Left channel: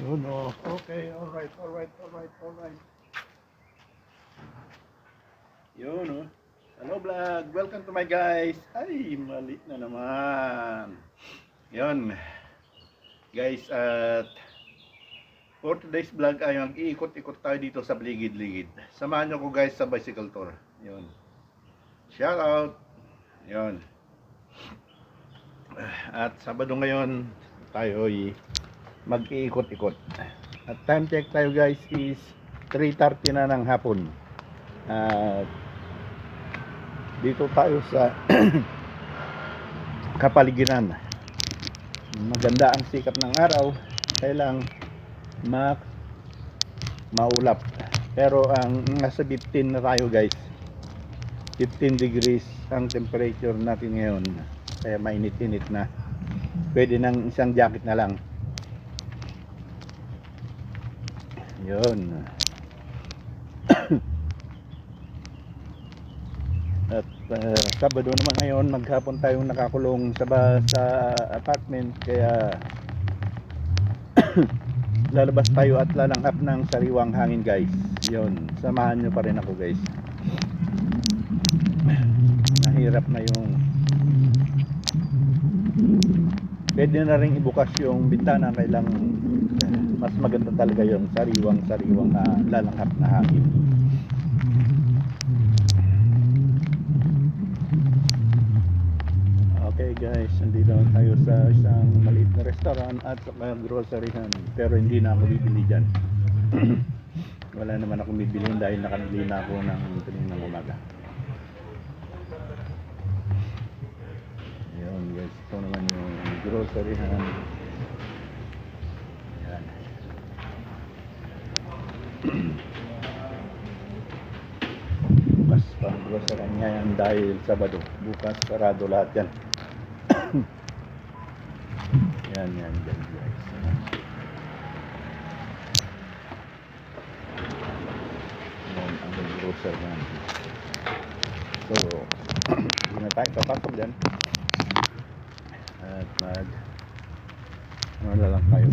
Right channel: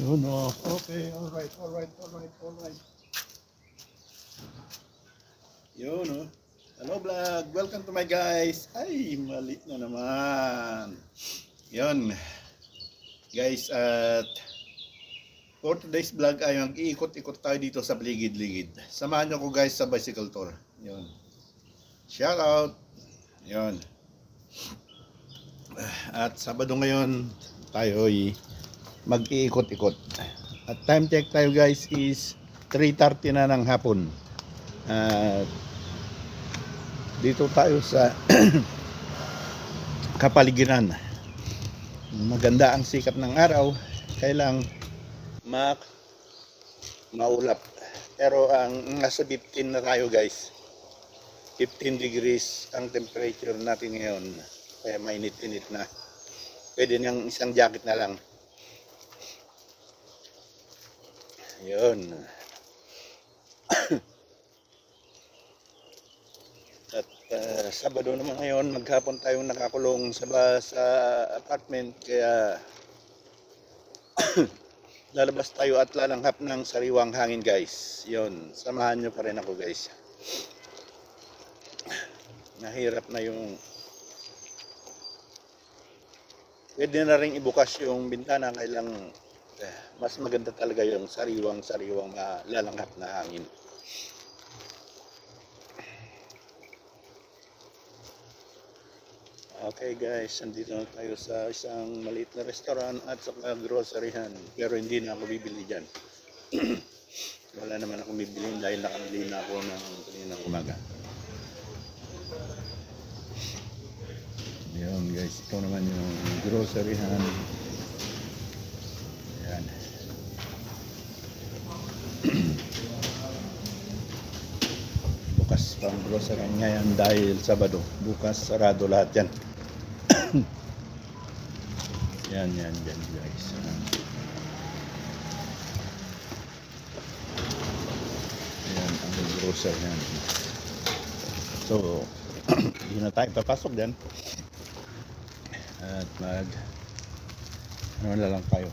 Oh no. Okay, alright. Yun, oh. Hello vlog, welcome to my guys. Ay, mali na naman. Yun, guys, at for today's vlog ay mag-iikot-ikot tayo dito sa Ligid-Ligid. Samahan nyo ko guys sa bicycle tour. Yun. Shout out. Yun. At Sabado ngayon tayo ay mag-iikot-ikot. At time check tayo guys is 3:30 na ng hapon. At dito tayo sa kapaligiran. Maganda ang sikat ng araw, kailang maulap. Pero ang nasa 15 na tayo guys. 15 degrees ang temperature natin ngayon. Kaya mainit-init na. Pwede ng isang jacket na lang. Yun. At Sabado naman ngayon, maghapon tayong nakakulong sa apartment, kaya lalabas tayo at lalanghap ng sariwang hangin guys. Yun, samahan nyo pa rin ako guys. Nahirap na yung pwede na rin ibukas yung bintana, kailang mas maganda talaga yung sariwang lalanghap na hangin. Okay guys, nandito na tayo sa isang maliit na restaurant at saka groceryhan, pero hindi na ako bibili dyan. Wala naman akong bibilihin dahil nakanili na ako ng kaninang umaga. Yun guys, ito naman yung groceryhan. Yan. Bukas pang grocery ngayon dahil Sabado. Bukas sarado lahat yan. Yan guys. Yan ang grocery yan. So, muna tayo papasok dyan. At ano na lang tayo.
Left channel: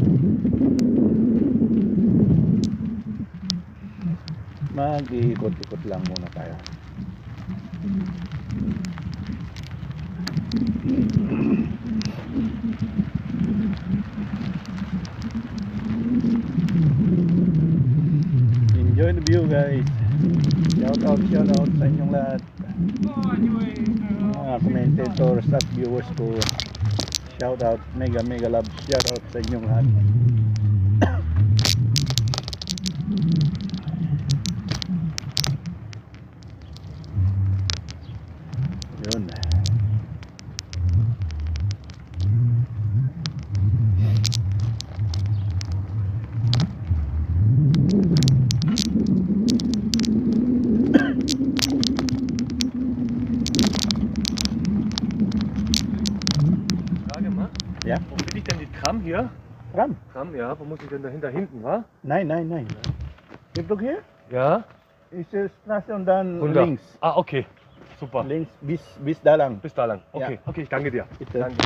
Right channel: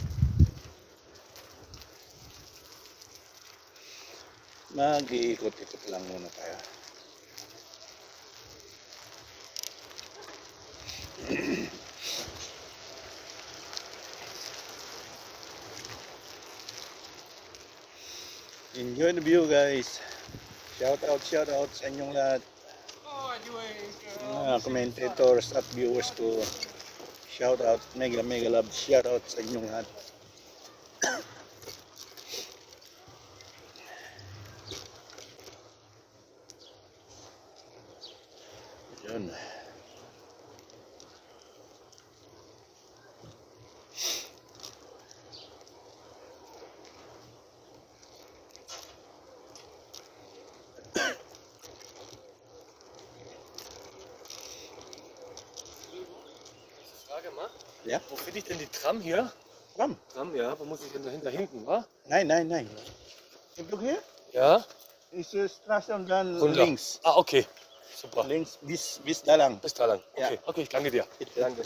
Mag-iikot-ikot lang muna tayo. Enjoy the view guys. Shout out sa inyong lahat. Mga commentators at viewers ko. Shout out, mega love. Shout out sa inyong lahat. Yun. Frage mal. Ja? Wo finde ich denn die Tram hier? Tram? Tram, ja. Wo muss ich denn dahinter hinten, wa? Nein. You look here? Ja. Ist die Straße und dann Runter. links. Ah, okay. Super. Links bis da lang. Bis da lang. Okay, Ja. okay, ich danke dir. Bitte. Danke.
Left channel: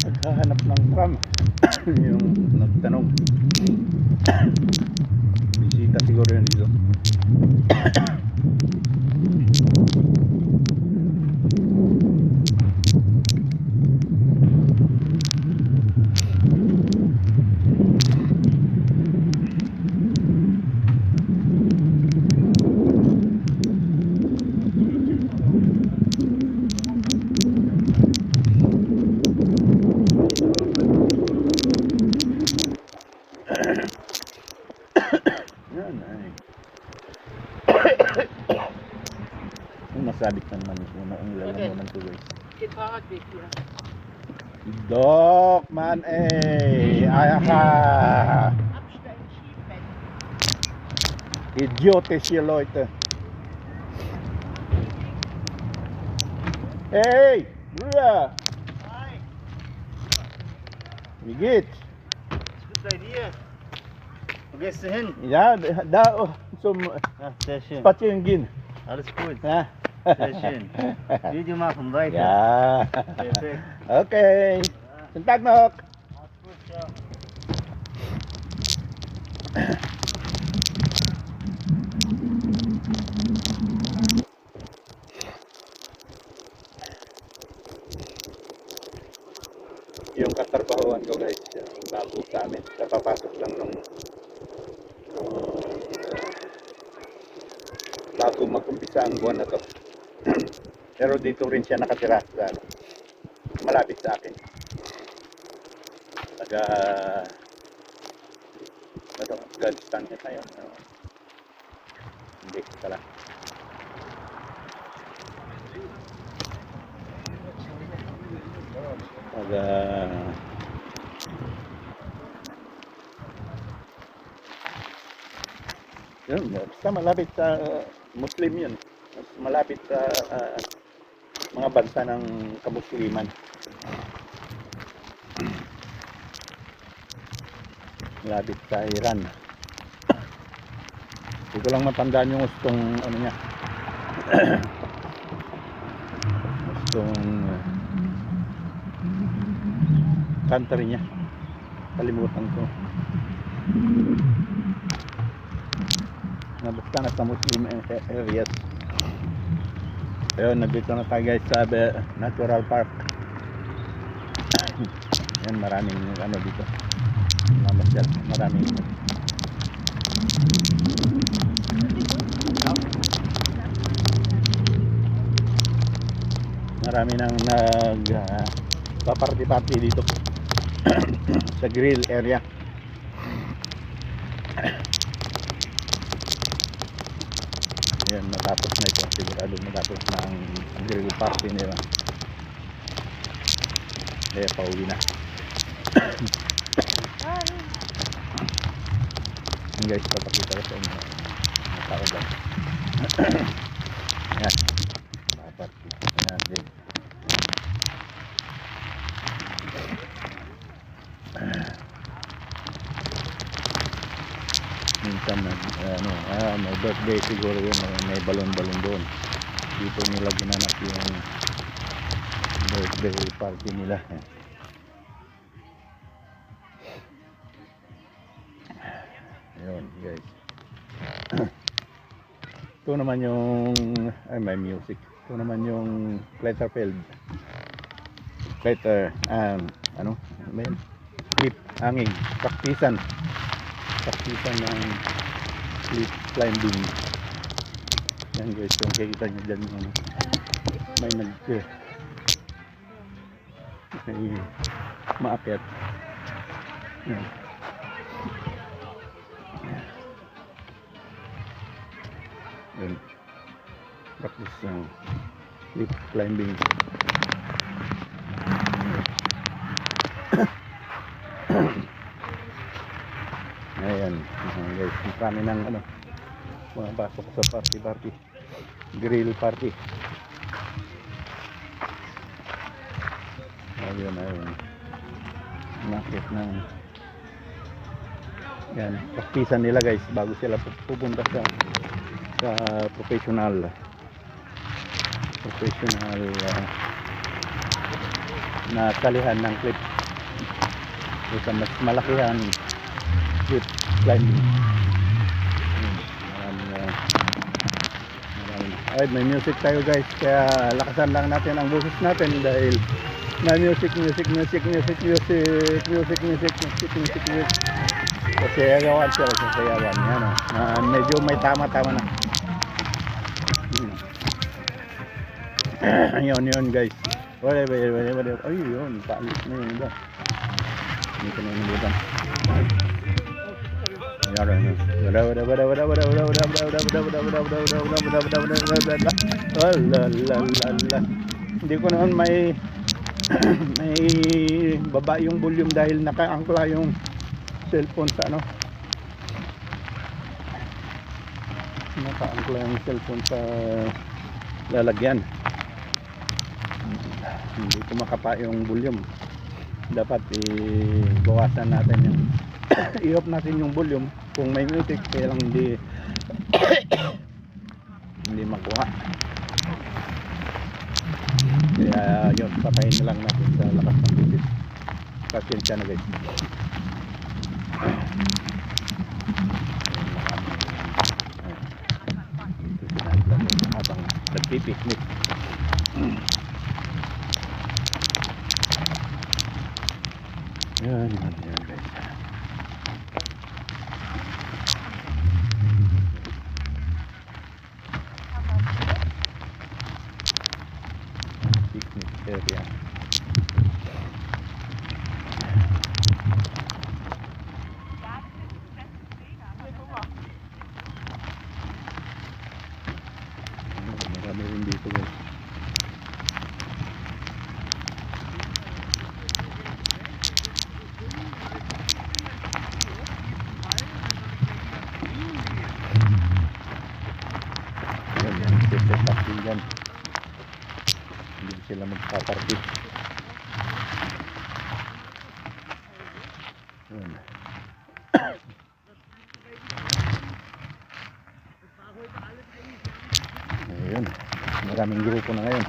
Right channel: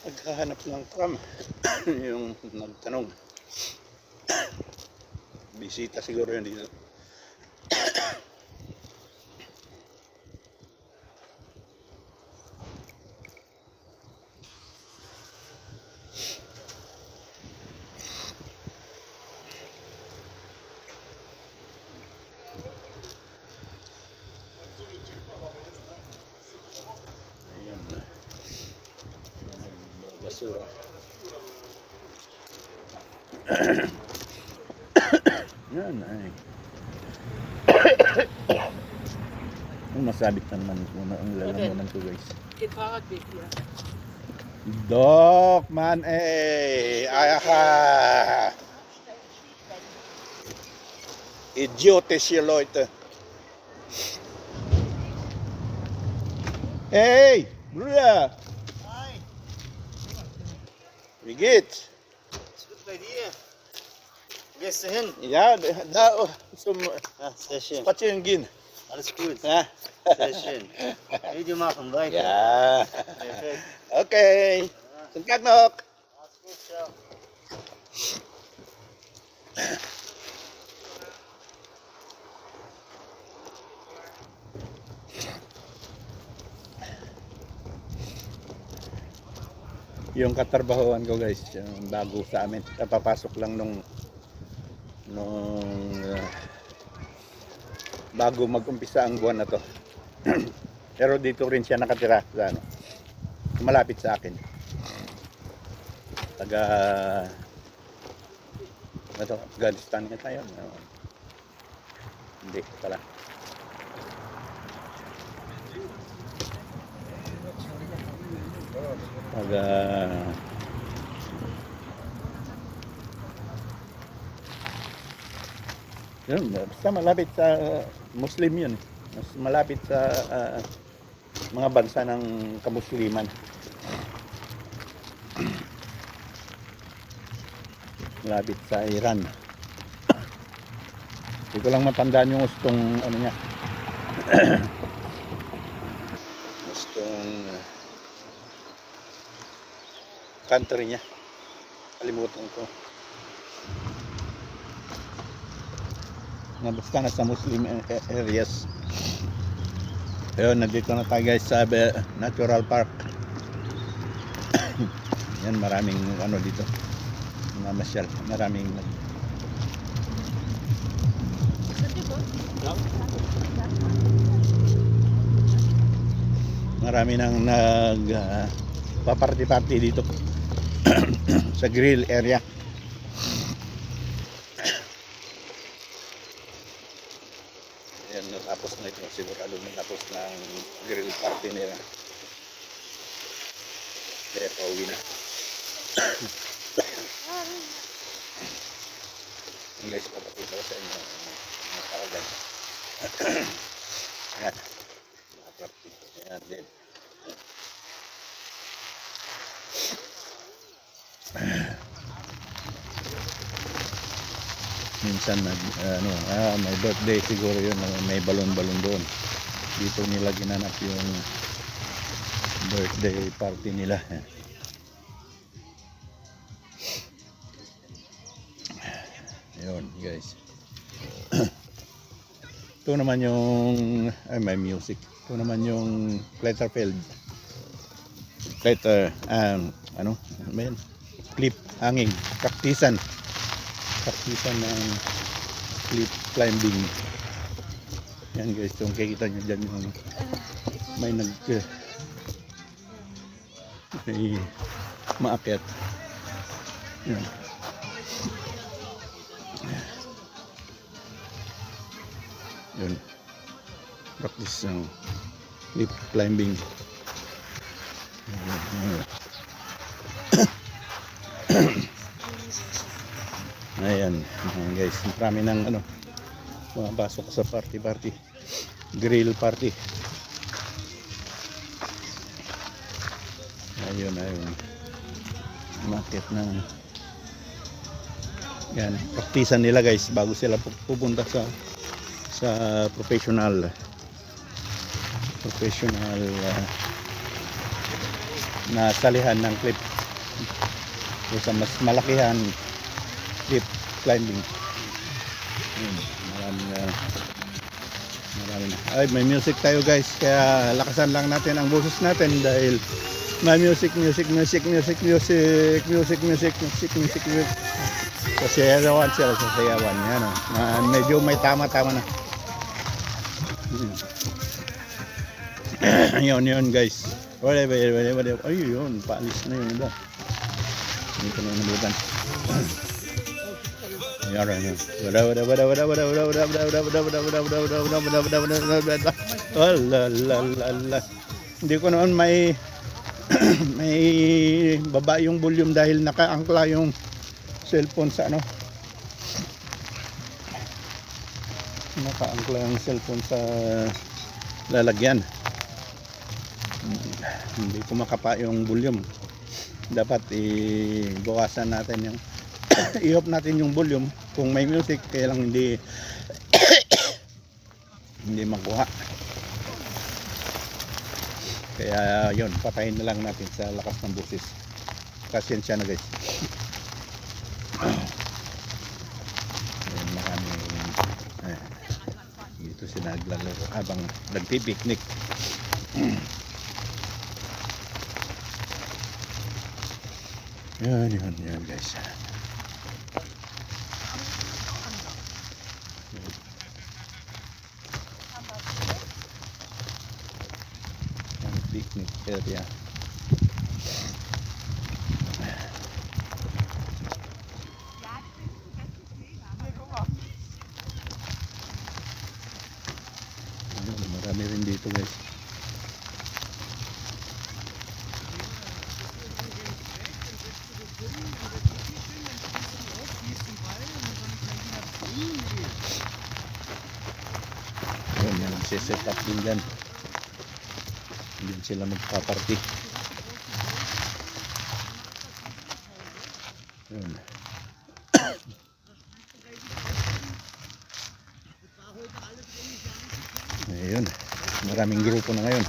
Naghahanap ng tram. Yung nagtanong. Bisita siguro yun dito. Yan ay. Ang masabit naman muna ang lalamunan ko guys. Geht Fahrradweg hier. Dok, man aha. Idiotische Leute. Hey, Bruder. Wie geht's? Ist gut bei dir. Wo gehst du hin? Ja, da zum Ja, sehr schön. Spazieren gehen. Alles gut. Ja. Sehr schön. Video machen, weiter. Ja. Perfekt. Okay. Schönen Tag noch. Alles gut, ciao. Yung katrabahoan ko guys, yung bago sa amin. Kapapasok lang nung bago mag-umpisa ang buwan na to. Pero dito rin siya nakatira sa ano, malapit sa akin. Taga Afghanistan nga tayo. Hindi pala. Taga yun, basta malapit sa Muslim yun. Mas malapit sa mga bansa ng kamusliman. Malapit sa Iran. Hindi ko lang matandaan yung gustong ano niya. Gustong country niya. Kalimutan ko. Na basta nasa Muslim areas. Ayun, nandito na tayo guys sa Natural Park. Yan, maraming ano dito. Mamasyal, maraming nang nag paparty-party dito sa grill area. Yan, natapos na ito. Sigurado matapos na ang grill party nila. Kaya pauwi na. Yan guys, papakita ko sa inyo mga tao dyan. Yan, mga party. Yan din. Minsan may birthday siguro yun, may balon-balon doon. Dito nila ginanap yung birthday party nila. Yun guys. Ito naman yung may music. Ito naman yung Letterfield. Ano ba yun? Cliff hanging, praktisan ng cliff climbing. Yan guys, kung kikita nyo dyan yung may may maakyat. Yan. Yan. Practice cliff climbing. Ayan, guys, marami ng ano, mga pasok sa party, grill party. Ayun, market ng yan, praktisan nila guys bago sila pupunta sa professional na salihan ng cliff. Sa mas malakihan cliff climbing. Maraming ay, may music tayo guys, kaya lakasan lang natin ang boses natin dahil may music. Sasayawan sila, sasayawan yan, medyo may tama-tama na. Yun guys. Whatever. Ay yun, paalis na yun iba. Hindi ko na nabutan. Hindi ko naman may baba yung volume dahil nakaangkla yung cellphone sa ano. Nakaangkla yung cellphone sa lalagyan. Hindi kumakapa yung volume. Dapat ibawasan natin yung i-off natin yung volume kung may music, kaya lang hindi hindi makuha. Kaya yun, patayin na lang natin sa lakas ng busis. Pasensya na guys. Ayan, marami dito sila naglaro habang nagpipiknik. Yan guys. Picnic area. Marami rin dito guys. Yan, set up din dyan. Hindi sila magpaparty. Yun. Ayun. Maraming grupo na ngayon.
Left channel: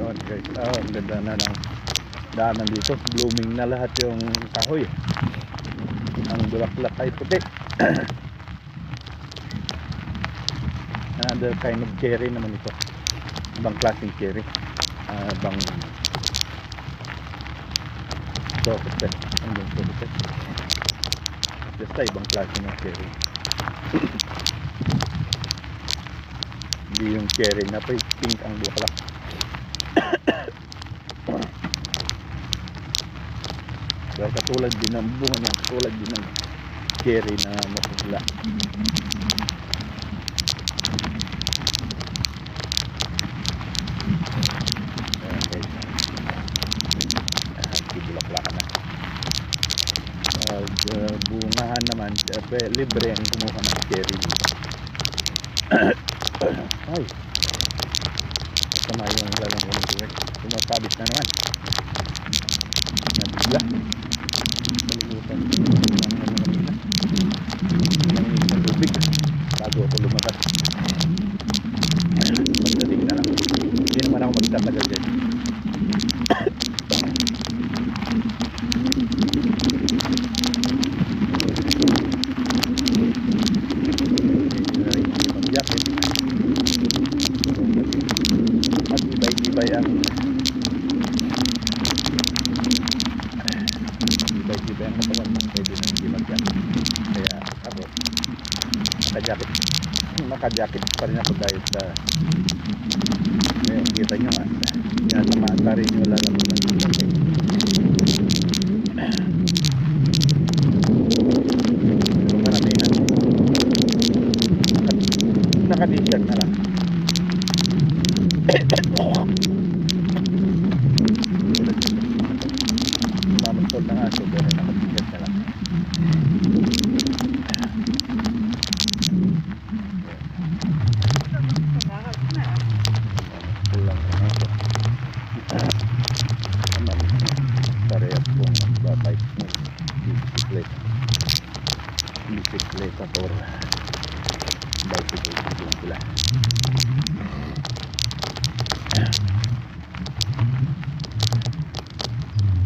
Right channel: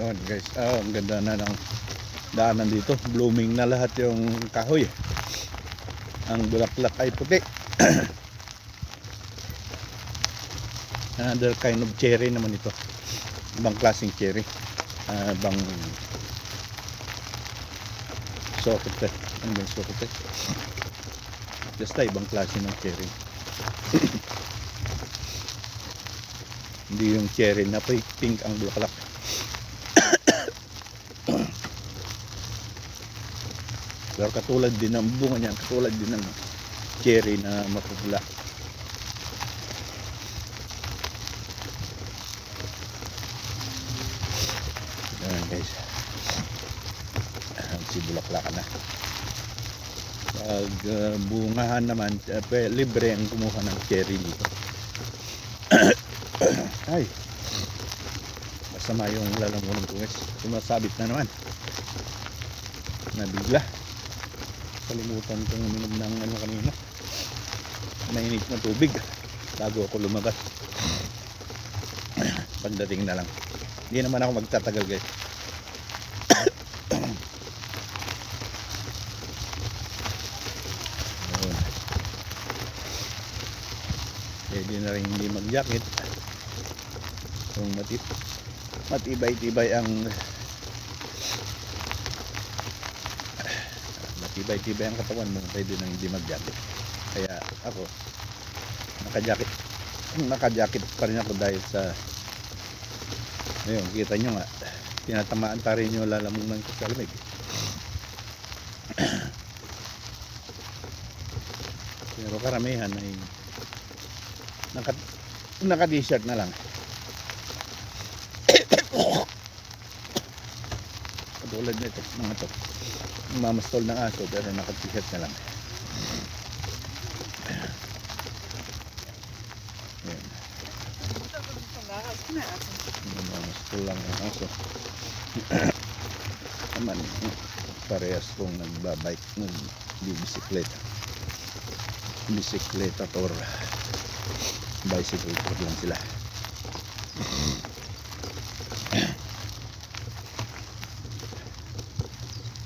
Yun guys, ang ganda na ng daanan dito. Blooming na lahat yung kahoy. Ang bulaklak ay puti. Another kind of cherry naman ito. Ibang klaseng cherry. Ibang sokote. Ang bang sokote. Basta ibang klase ng cherry. Hindi yung cherry na pink ang bulaklak. Pero katulad din ng bunga niya, katulad din ng cherry na mapugla. Ayan guys, sibulaklakan na. Pag bungahan naman, libre ang kumuha ng cherry dito. Ay, masama yung lalamunin ko guys. Sumasabit na naman. Nabigla. Kalimutan ko ng ano kanina. Mainit na tubig bago ako lumabas. Magdating na lang. Hindi naman ako magtatagal guys. Hindi na rin hindi mag-jacket. Matibay-tibay ang matibay ang katawan mo, pwede nang hindi mag-jacket. Kaya ako naka-jacket pa rin ako dahil sa kita nyo nga, tinatamaan pa rin yung lalamunan ng jacket. Pero karamihan naka-t-shirt na lang. Tulad nito mga to, mamastol ng aso pero naka-t-shirt na lang. Mamastol lang ng aso. Naman parehas kong nagbabike ng bisikleta or bicycle lang sila.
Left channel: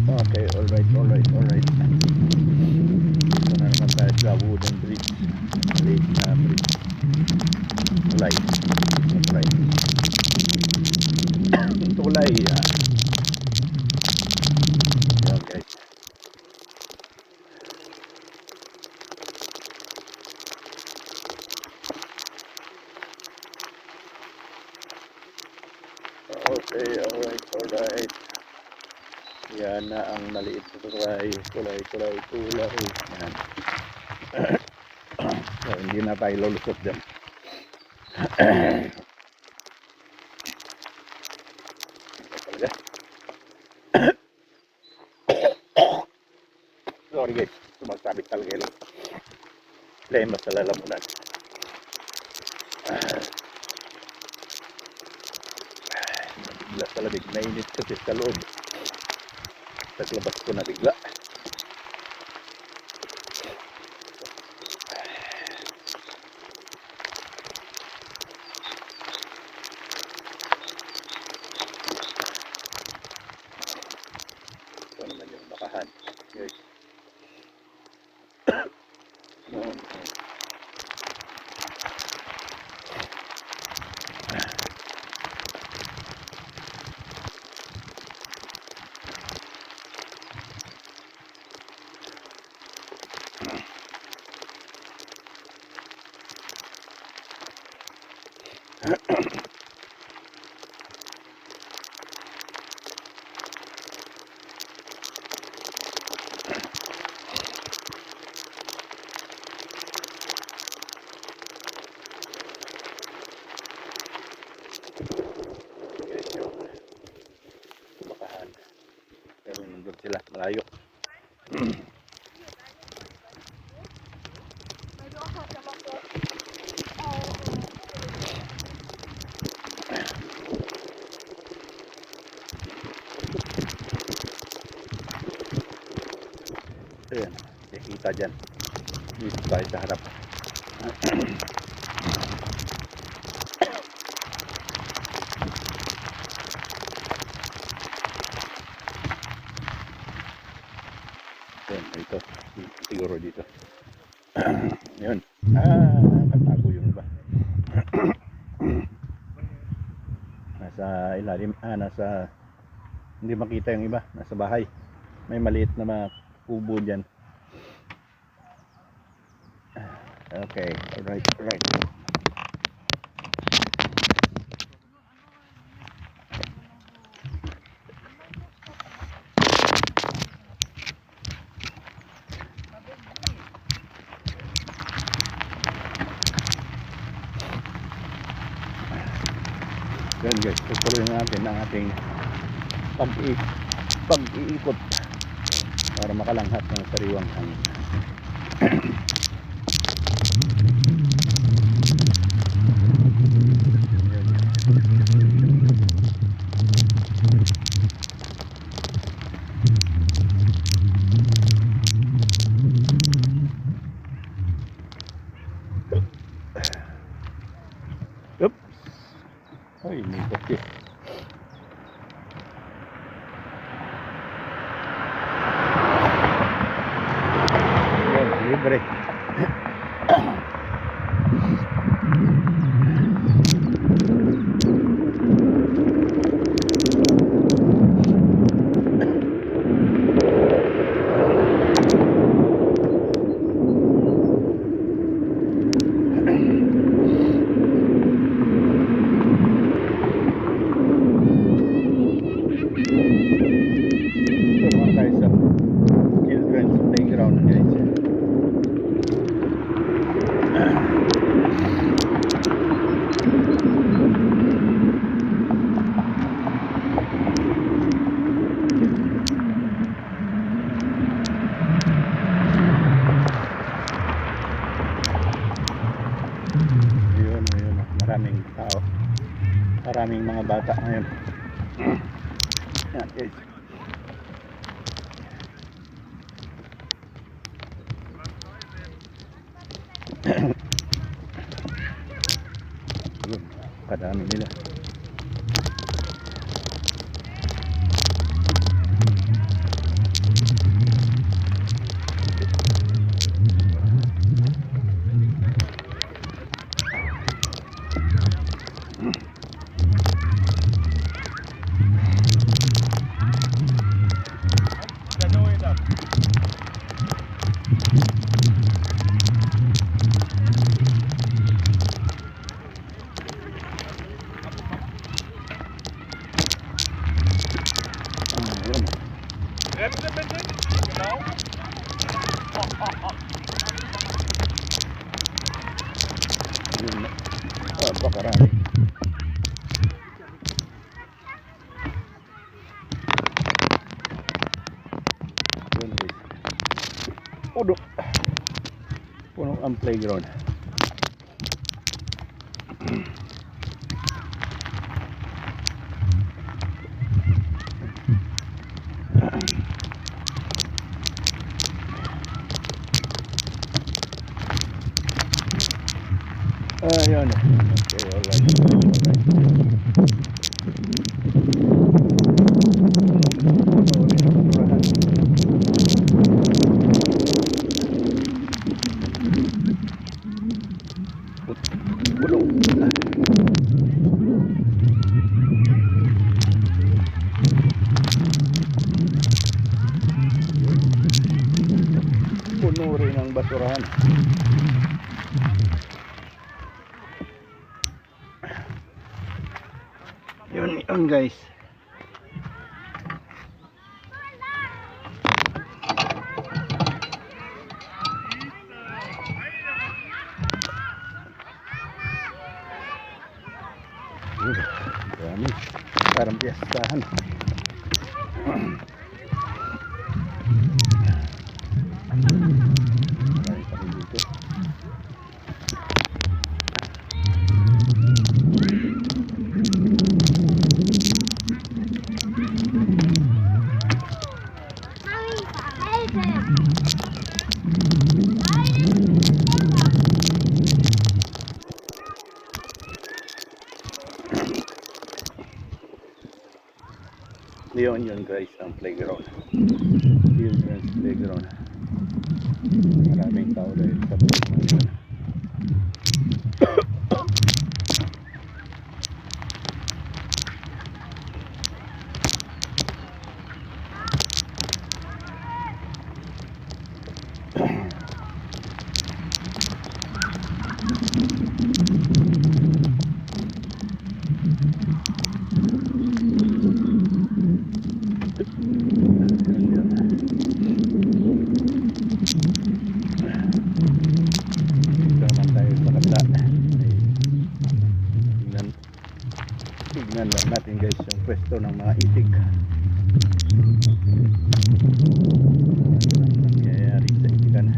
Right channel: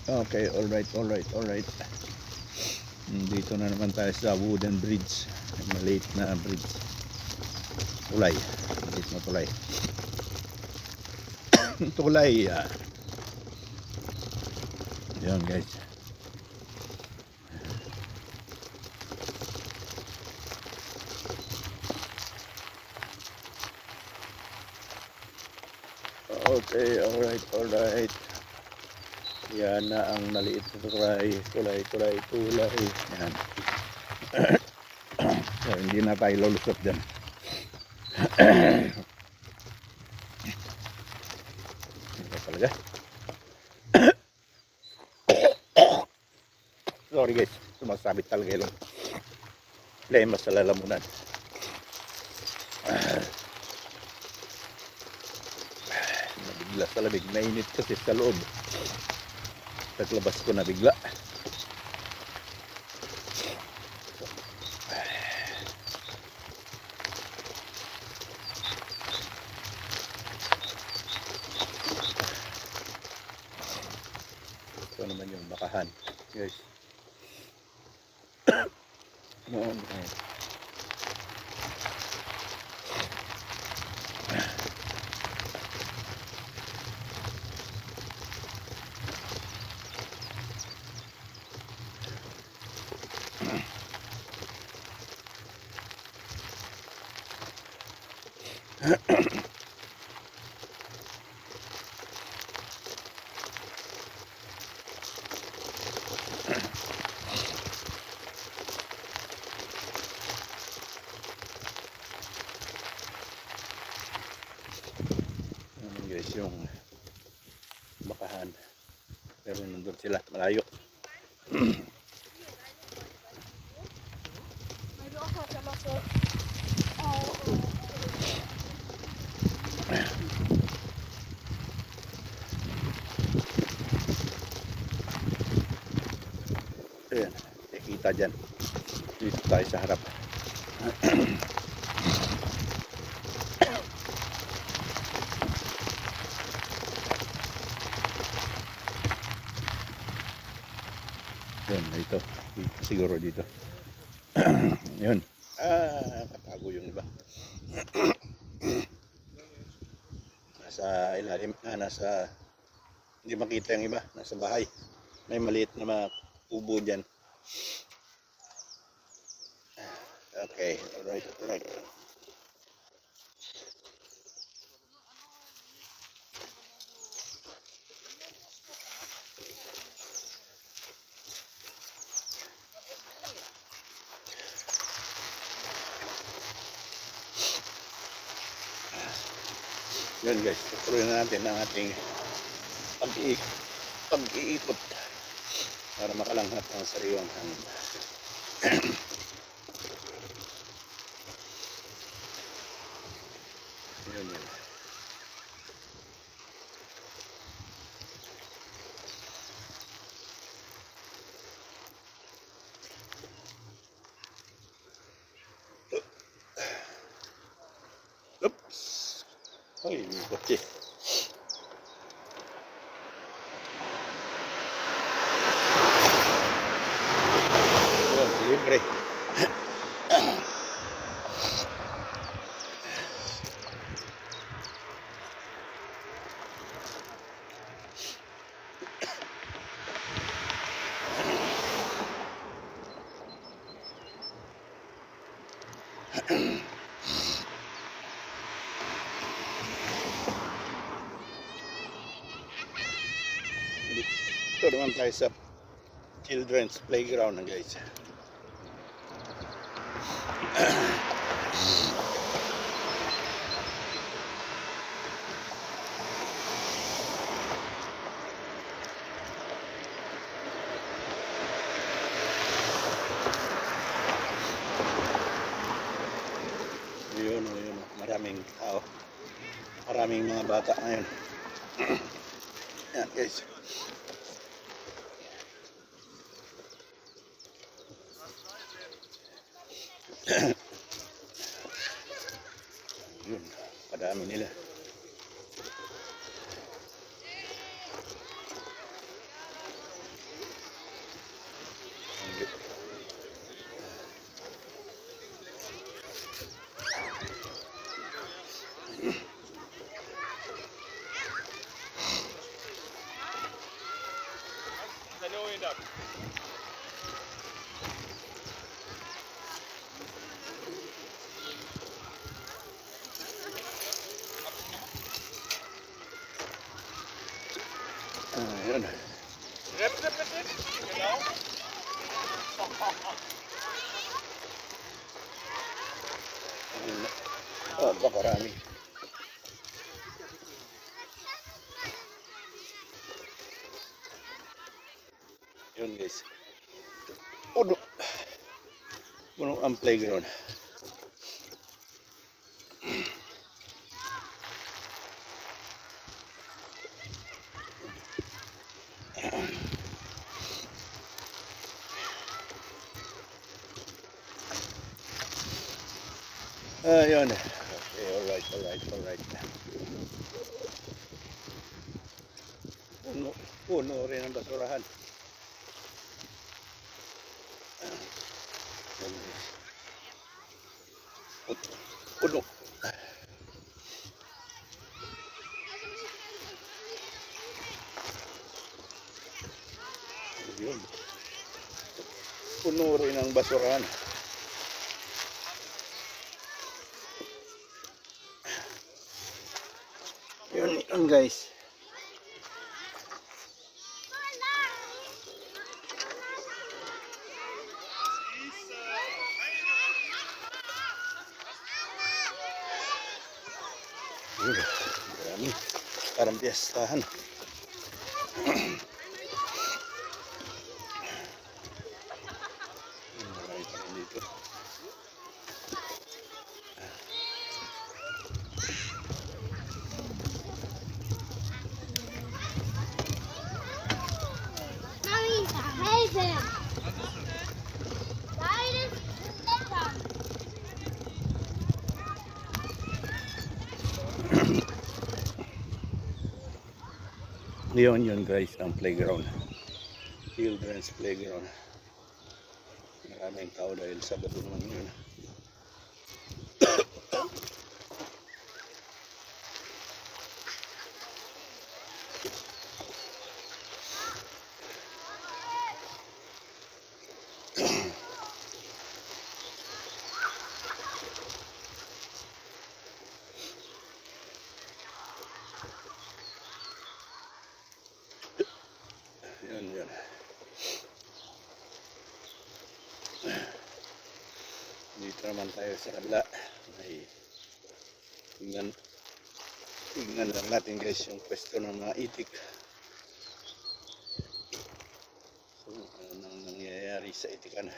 Okay, alright. Dito na naman tayo sa wooden bridge. Maliit na bridge. Tulay. Tulay. Yan guys. Okay, alright. Yan na ang maliit na tulay. Yan. So, hindi na tayo lulusot dyan. Ito talaga. Sorry guys, sumasabit talaga yung lema sa lalamunan. Nabigla sa lamig, nainit kasi sa loob. Taglabas ko na bigla. Ito naman yung bakahan, guys. Noon, guys, yung bakahan. Pero nandun sila, malayo. Ayan, kita dyan. Dito tayo sa harap. Ayan, dito. Siguro dito. Yun. Katago yung iba. Nasa ilalim. Nasa... Hindi makita yung iba. Nasa bahay. May maliit na mga kubo dyan. Okay. Alright. Yan guys, tutuloy na natin ang ating pag-iikot para makalanghap ng sariwang hangin. Oops. Ay, may kotse. Yun, libre. Ito naman tayo sa children's playground na guys. Ayun, maraming tao. Maraming mga bata ngayon. Yan guys. Yun, kadami nila. Bakarami. Yun guys. Puno. Puno ang playground. Yun. Okay, alright. Puno rin ang basurahan. Puno. Puno rin ang basurahan. Yun guys. Dami. Parang piyastahan. Marami pa rin dito. Yun guys ang playground, children's playground. Maraming tao dahil sa tulungan yun. Tignan lang natin guys yung pwesto ng mga itik. Ano nangyayari sa itikan?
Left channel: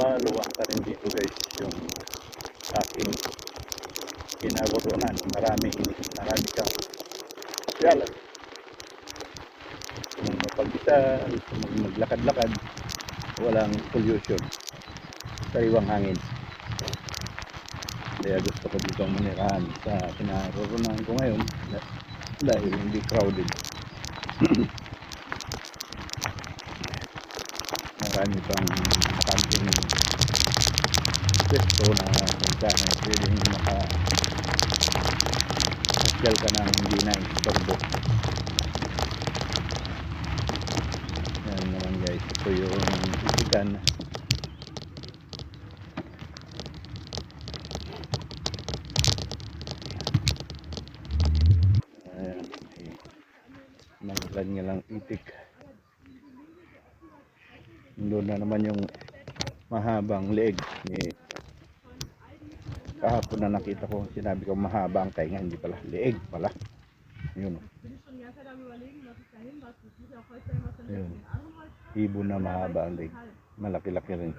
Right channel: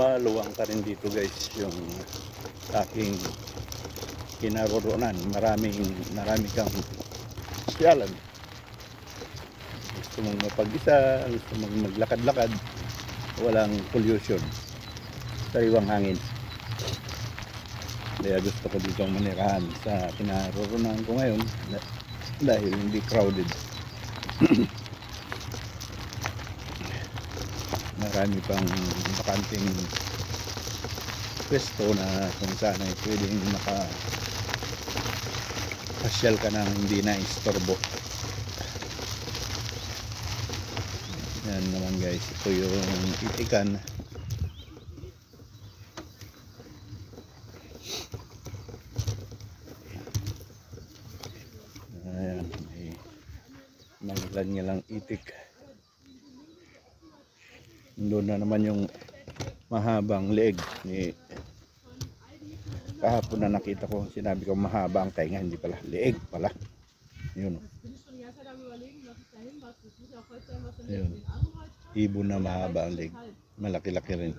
Maluwang ka rin dito guys yung aking kinaroroonan. Marami kang siyalan. Gusto mong mapag-isa, gusto mong maglakad-lakad, walang pollution, sariwang hangin. Kaya gusto ko dito manirahan sa kinaroroonan ko ngayon dahil hindi crowded. Marami pang bakanting pwesto na kung saan ay pwedeng makapasyal ka na hindi na istorbo. Yan naman guys, ito yung itikan. Ayan, may lang itik. Doon na naman yung mahabang leeg ni kahapon na nakita ko, sinabi ko mahaba ang tainga, hindi pala, leeg pala. Yun. Yun. Ibon na mahaba ang leeg. Malaki-laki rin.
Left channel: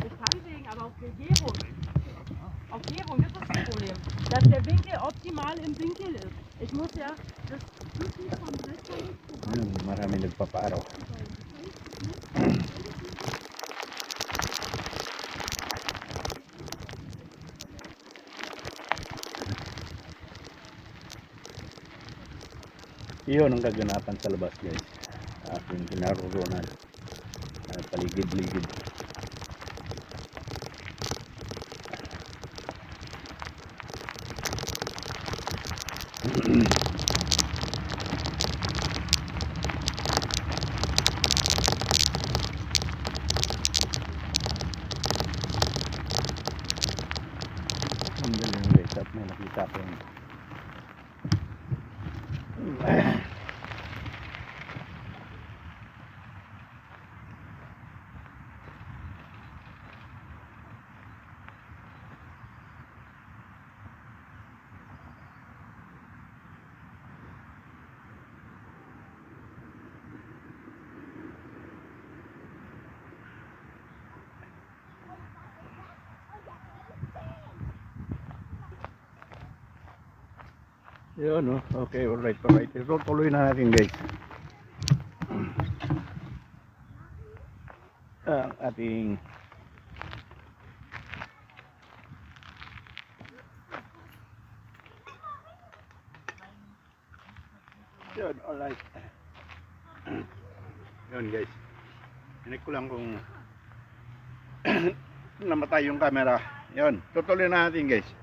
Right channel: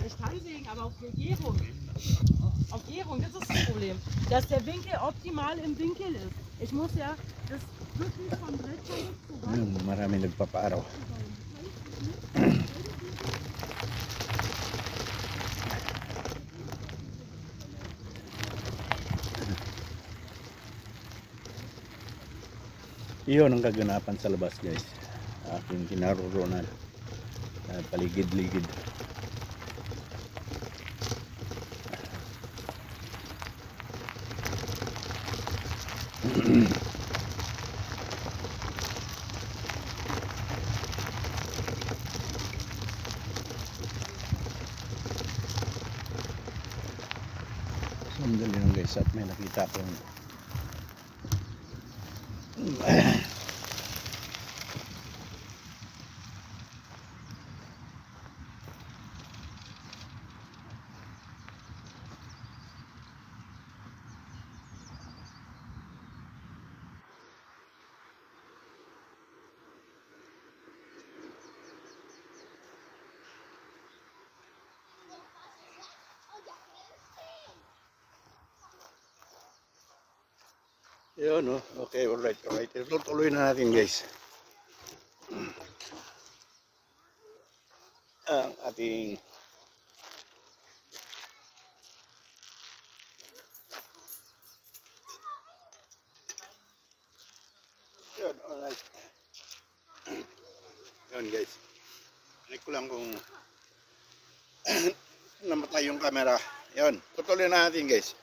Das Stammsägen, aber auf Legierung. Auf Gärung, das ist das Problem. Dass der Winkel optimal im Winkel ist. Ich muss ja das Kuchen vom Brett Marami nagpapaaraw. Iyon ang kaganapan sa labas guys. Aking kinaroroonan. Paligid-ligid. Sandali lang guys at may nakita ko yung yun, no? Okay, alright. Tuloy na natin guys. Ang ating yun, alright. Yun guys. Hinik ko lang kung namatay yung camera. Yun, tutuloy na natin guys.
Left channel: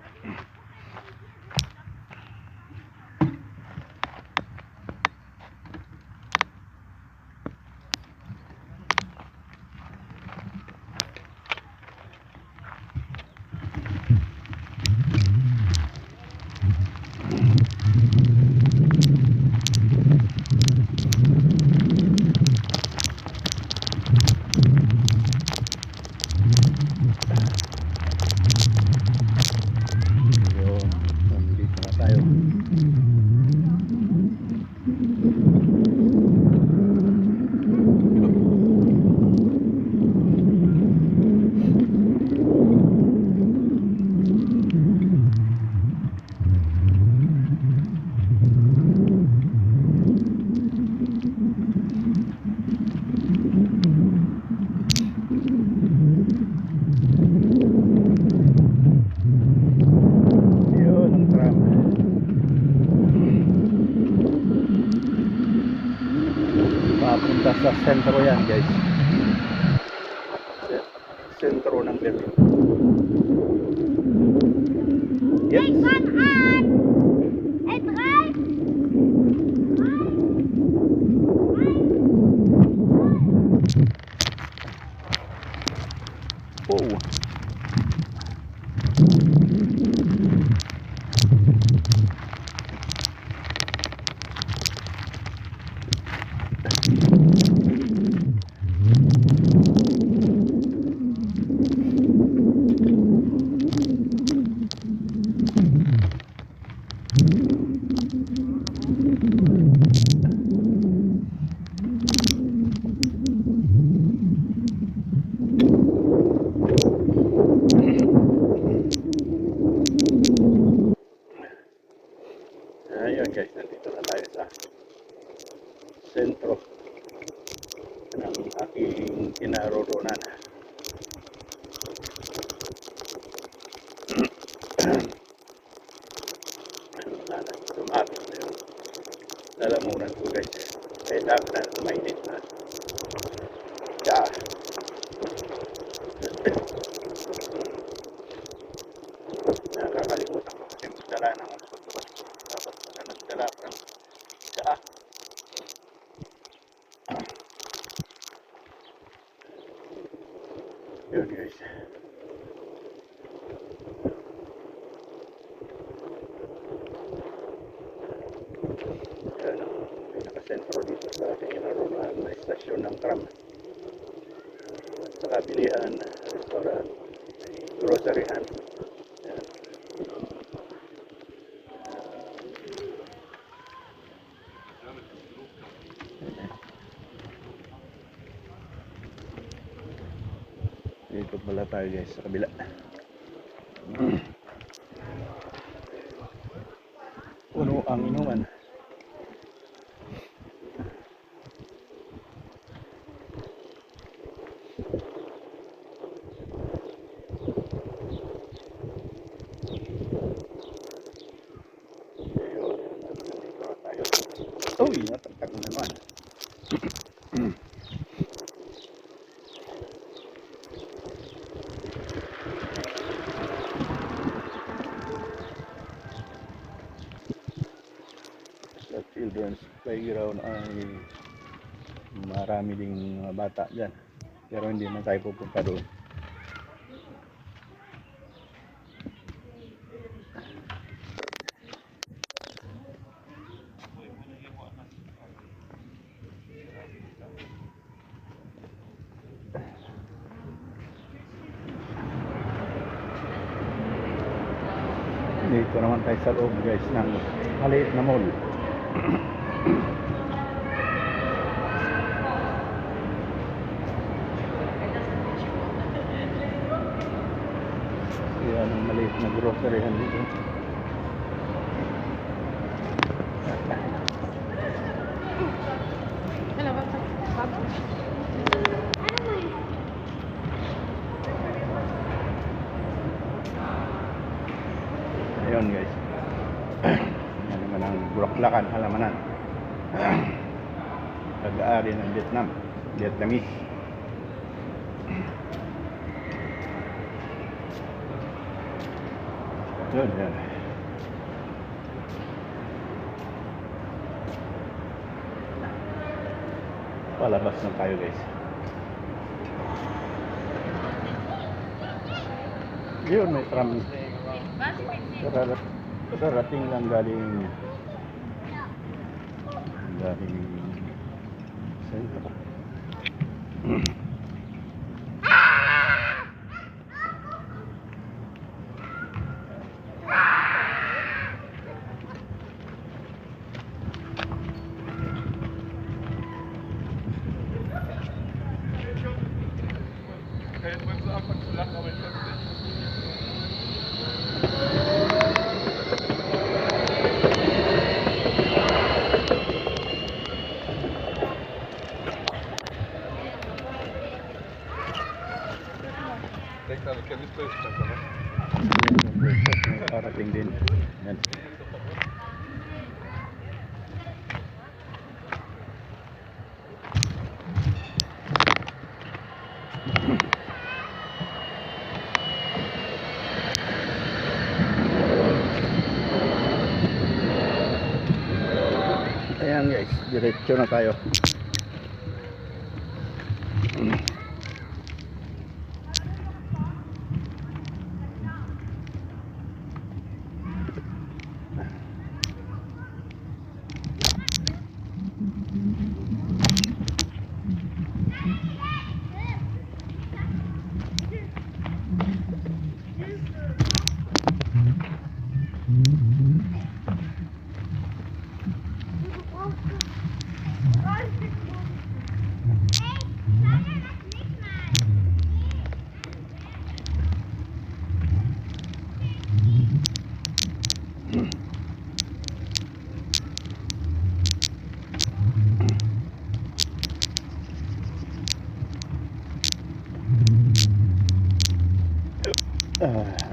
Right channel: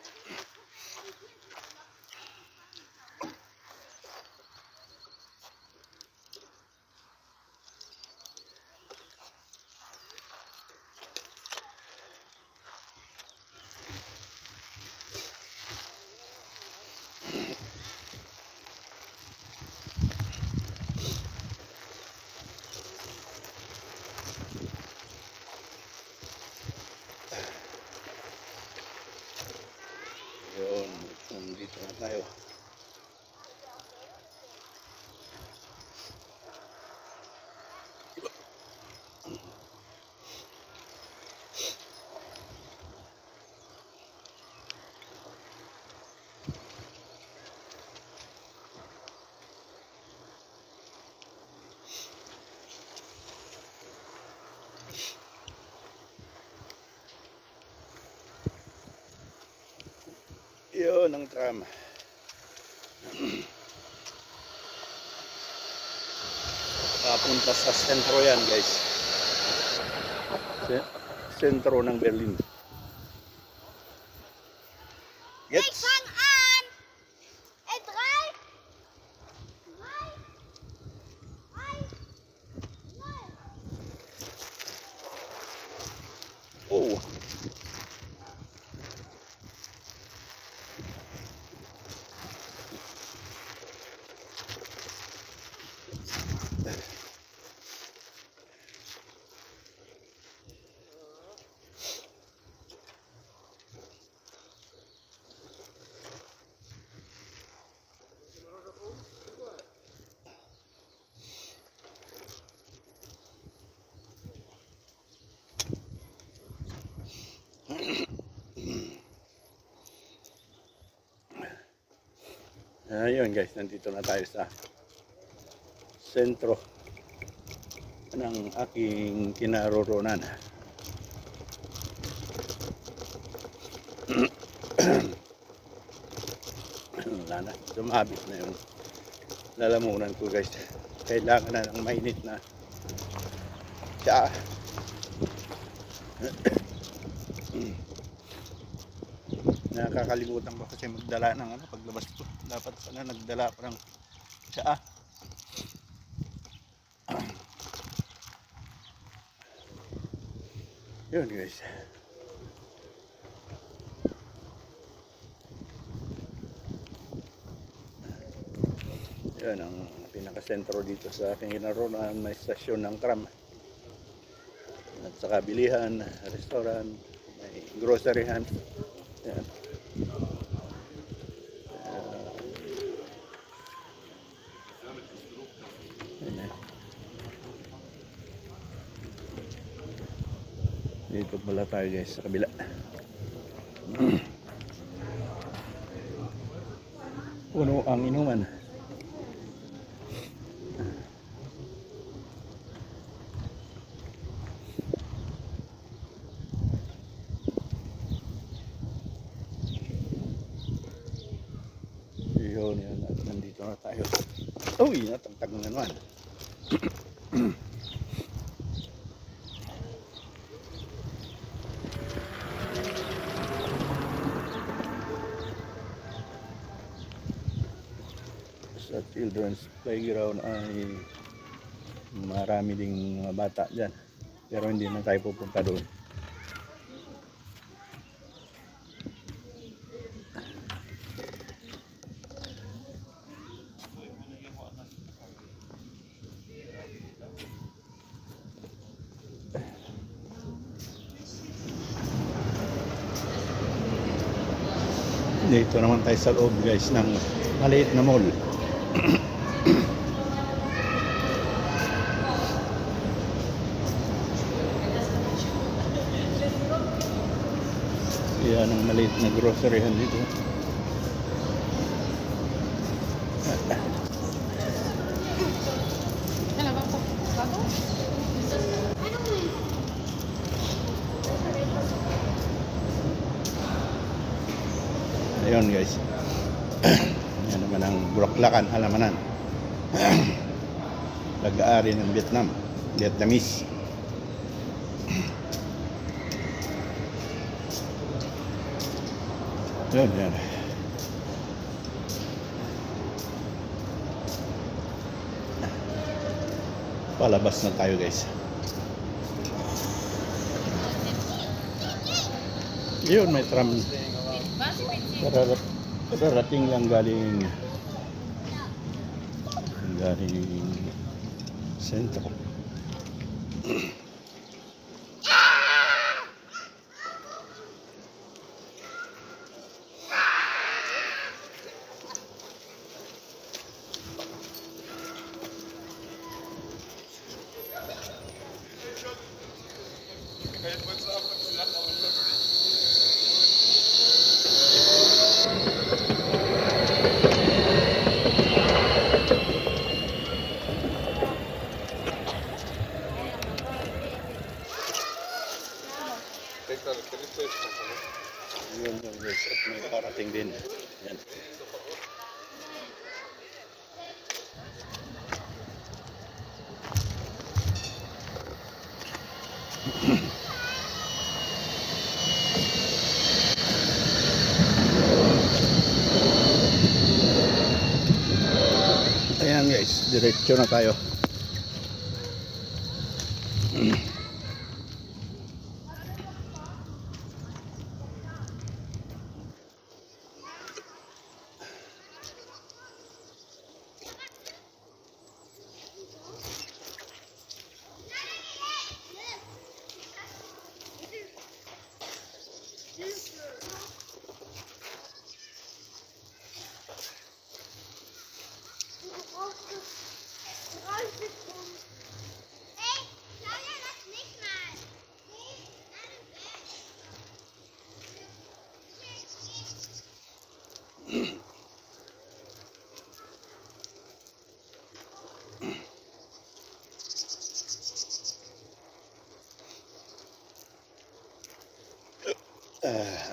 Yun, nandito na tayo. Yun ang tram. Papunta sa sentro yan guys. Sentro ng Berlin. Yes. Oh. Ayun guys, nandito na tayo sa sentro ng aking kinaroroonan. Wala na, sumabit na yung lalamunan ko guys. Kailangan na ng mainit na tsaa. Nakakalimutan ko kasi magdala ng paglabas ko. Dapat pala nagdala pa ng tsaa. Yun guys. Yan ang pinakasentro dito sa aking naroonan, may stasyon ng tram. At saka bilihan, restaurant, may groceryhan. Yan. Dito pala tayo guys sa kabila. Puno ang inuman. Ayun, nandito na tayo. Uy, natagtag na naman. Sa children's playground ay marami ding mga bata dyan. Pero hindi man tayo pupunta doon. Dito naman tayo sa loob guys ng maliit na mall. Yan ang maliit na groceryhan dito. Ayun guys. Yan naman ang Bulaklakan, Halamanan. Pag-aari ng Vietnam, Vietnamese. Yun, yan. Palabas na tayo guys. Yun, may tram. Karating lang galing sentro. Yan, guys, at may parating din. Yan. Ayan guys, diretso na tayo.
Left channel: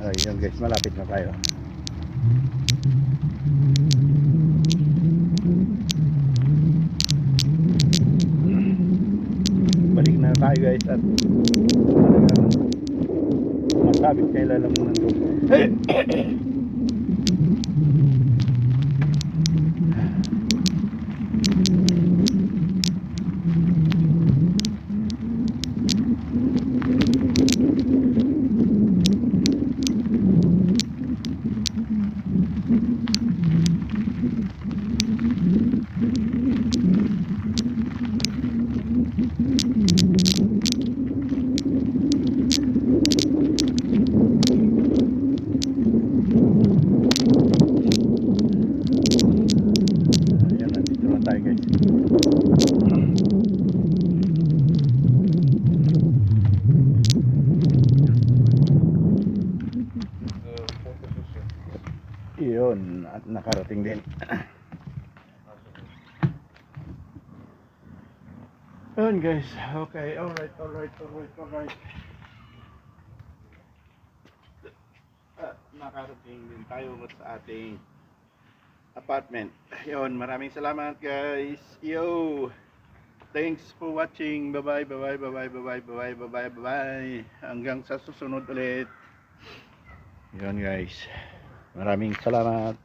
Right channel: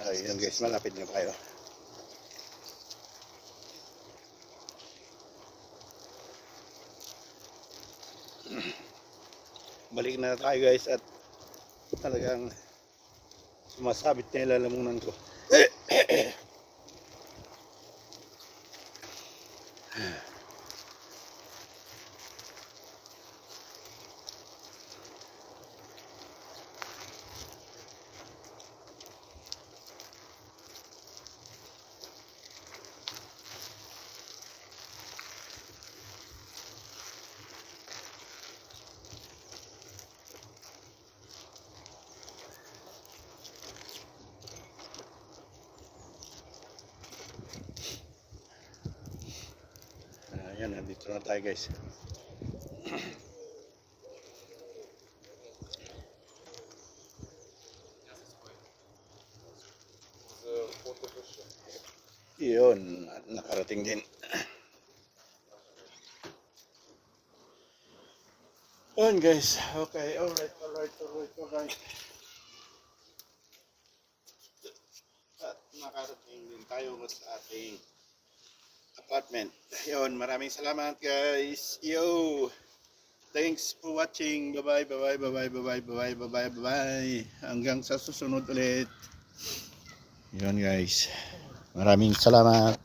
Ayun guys, malapit na tayo. Balik na tayo guys at talagang sumasabit na ilalamunan ko. Ayan, nandito na tayo guys. Iyon, at nakarating din. Ayan guys, okay, alright. At nakarating din tayo sa ating apartment. Yun, maraming salamat guys. Yo! Thanks for watching. Bye-bye, bye-bye, bye-bye, bye-bye, bye-bye, bye-bye, bye-bye. Hanggang sa susunod ulit. Yun guys. Maraming salamat.